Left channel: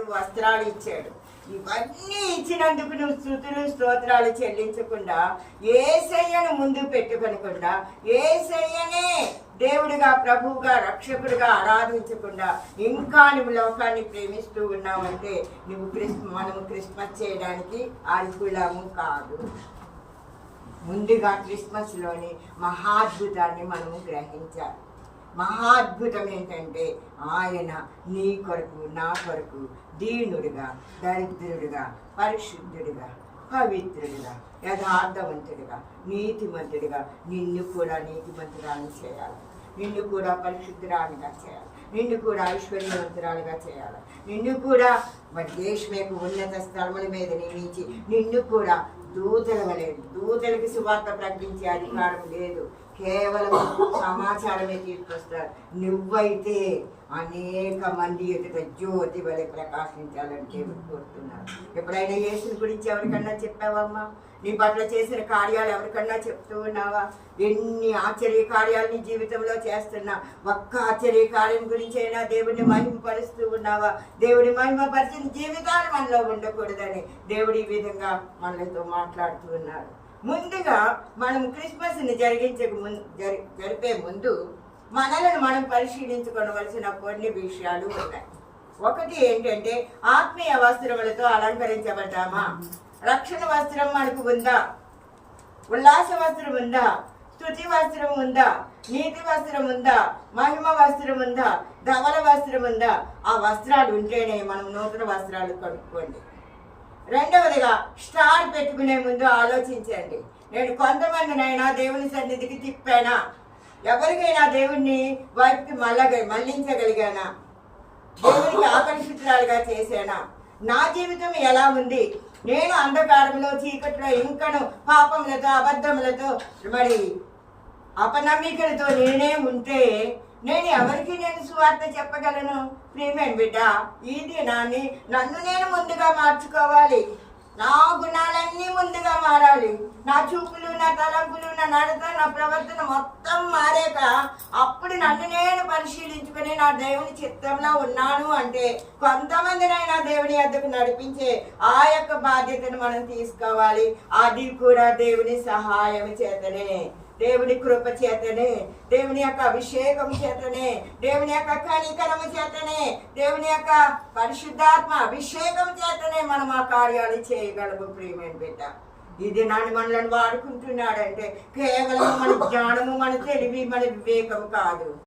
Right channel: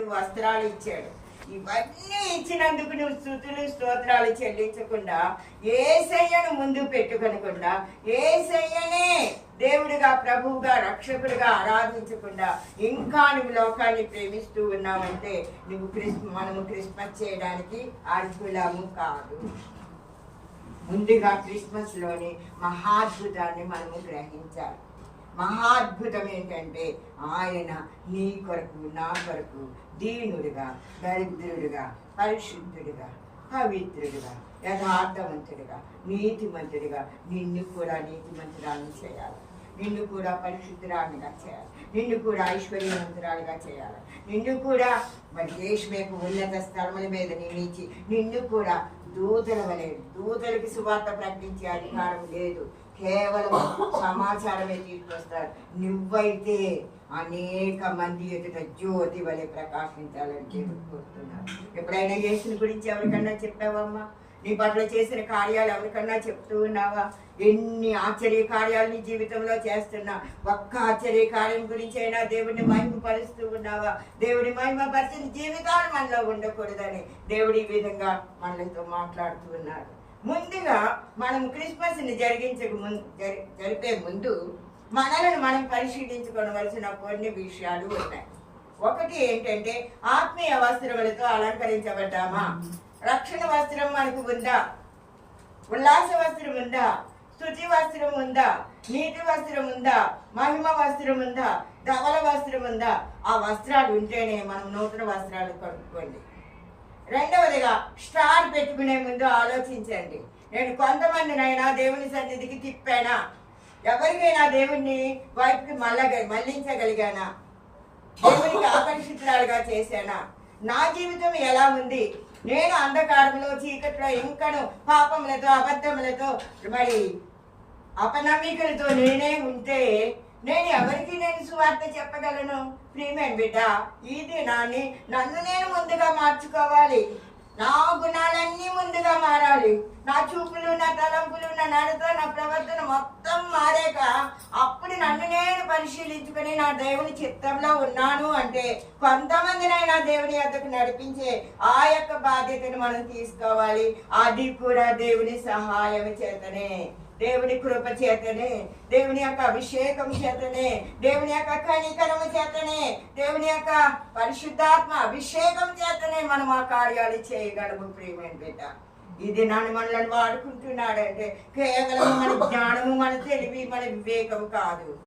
వస్త్రాలు ఇచ్చాడు. ఇవన్నీ ఇచ్చినందుకు నువ్వు స్థుతులు స్తోత్రాలు చెల్లించకుండా ఏసయ్యను ముందు పెట్టుకొనకుండా ఏసయ్యనే దేవుడిగా ప్రభువుగా రక్షకుడిగా ఆరాధించకుండా ఇంకా నువ్వు లోకాన్ని ప్రేమిస్తూ ఉన్నావంటే నువ్వు క్రిస్ మనము క్రిస్మస్ చేయడానికి అర్హులము కాదు. ముందుగా క్రిస్మస్లోని మహాద్భుతాన్ని మనము గ్రహించాలి. మహా అద్భుతం ఏంటంటే ఆయన నీ కొరకు నా కొరకు దీనుడిగా దరిద్రుడిగా పరిశుద్ధుడిగా పవిత్రుడిగా యథార్థవంతుడిగా నీతిమంతుడిగా నిన్ను కూడా నీతిమంతురాన్ని చేయాలి. నిన్ను కూడా పరిశుద్ధురాలుగా చేయాలి. నిన్ను కూడా ఐశ్వర్యవంతురాలుగా చేయాలి. నిన్ను కూడా మరి దేశమేపు ఉన్నత స్థలముల మీద నియమించి నిన్ను కూడా దూతల వలె దూతలకు సువార్త ప్రకటించే అధికారం లేదు. కేవలం సమాచారమే తీసుకొస్తారు. నువ్వైతే అనేక మంది ఎదుట జ్యోతి వలె ప్రకాశించాలని దేవుడు కోరుతున్నారు. ఎప్పుడైనా యేసుని గురించి ఎవరికన్నా చెప్పావమ్మా? నీ పట్ల చేసిన కార్యాలు ఎవరికన్నా చెప్తూ ఉన్నావా? ఎన్ని ఆశ్చర్య కార్యాలు నీ జీవితంలో చేస్తున్నా? ఒక్క ఆశ్చర్య కార్యం గురించి అయినా దేవుడిని మహిమపరుస్తూ ఉన్నావా? దేవుడి మహిమపరిచిన జీవితాలు మనలో ఉండకూడదని దేవుడి ఈ విధంగా మనలతో మాట్లాడుతూ ఉన్నాడు ముందుగా మనం క్రిస్మస్ని జరిగించక ముందు జరి జరిపే ముందు మనలను మనం పరిశీలించుకోవలసిన కొన్ని విషయాలు ఉన్నాయి. ఒకటి ఏంటంటే ఆత్మీయ వస్త్రములతో అలంకరించబడ్డామా? రక్షణ వస్త్రం మనకు ఉందా? ఉల్లాస వస్త్రం ఉందా? స్థుతి వస్త్రం ఉందా? నీతి వస్త్రం ఉందా? మహిమ వస్త్రం ఉందా? ధవల వస్త్రం ఉందా? ఆ వస్త్రాలు ఉంటేనే మనం నూతన వస్త్రాలు కొనుక్కోండి. రెండవదిగా స్టార్ పెట్టుకునే ముందు ఆలోచించండి. నేను కొంతమందినైనా దేవుని సన్నిధికి తిప్పానా? ఎవరికైనా దేవుణ్ణి వైపుకి మళ్ళగ మళ్ళించగలిగానా? దేవునికి ఆకర్షితురాలుగా చేశానా? నా జీవితం ఎలా ఉంది? నేను అంధకారంలో చీకట్లో ఇంకను పాపములతో అబద్ధములతో మరి అపనమ్మికలతో నేనే ఉంటే నేను ఎవరికి నేను సువార్త చెప్పగలను? ప్రియమైన బిడ్డ ఈ దినాన్ని నన్ను నేను ముందుగా మార్చుకోవాలి. నా గుణాలన్నీ ముందుగా మారాలి. నా చూపులు నా తలంపులు నా నడత నా ప్రవర్తన మొత్తం మారాక అప్పుడు నన్ను నేను పరిశీలించుకుని నా దేవుని చిత్తంలో ఉన్నాను అంటే కొంతమందినైనా దేవుని వద్దకు నడిపించే ఆ యొక్క బాధ్యతను మనం తీసుకోవాలి. అది కూడా దేవుని సహాయం చేతనే. దేవుని కృప చేతనే దేవుని యొక్క అభిషేకం చేతనే దేవుని యొక్క కనికరము చేతనే దేవుని యొక్క పరిశుద్ధాత్మ అభిషేకం చేతనే మనం ఆ కార్యాలు చేయగలము ప్రియమైన బిడ్డ. ఈ దినాన్ని మనల్ని వాడుకుంటున్నాడంటే కేవలం మన జ్ఞానము మన తెలివి మన వివేకం కాదు.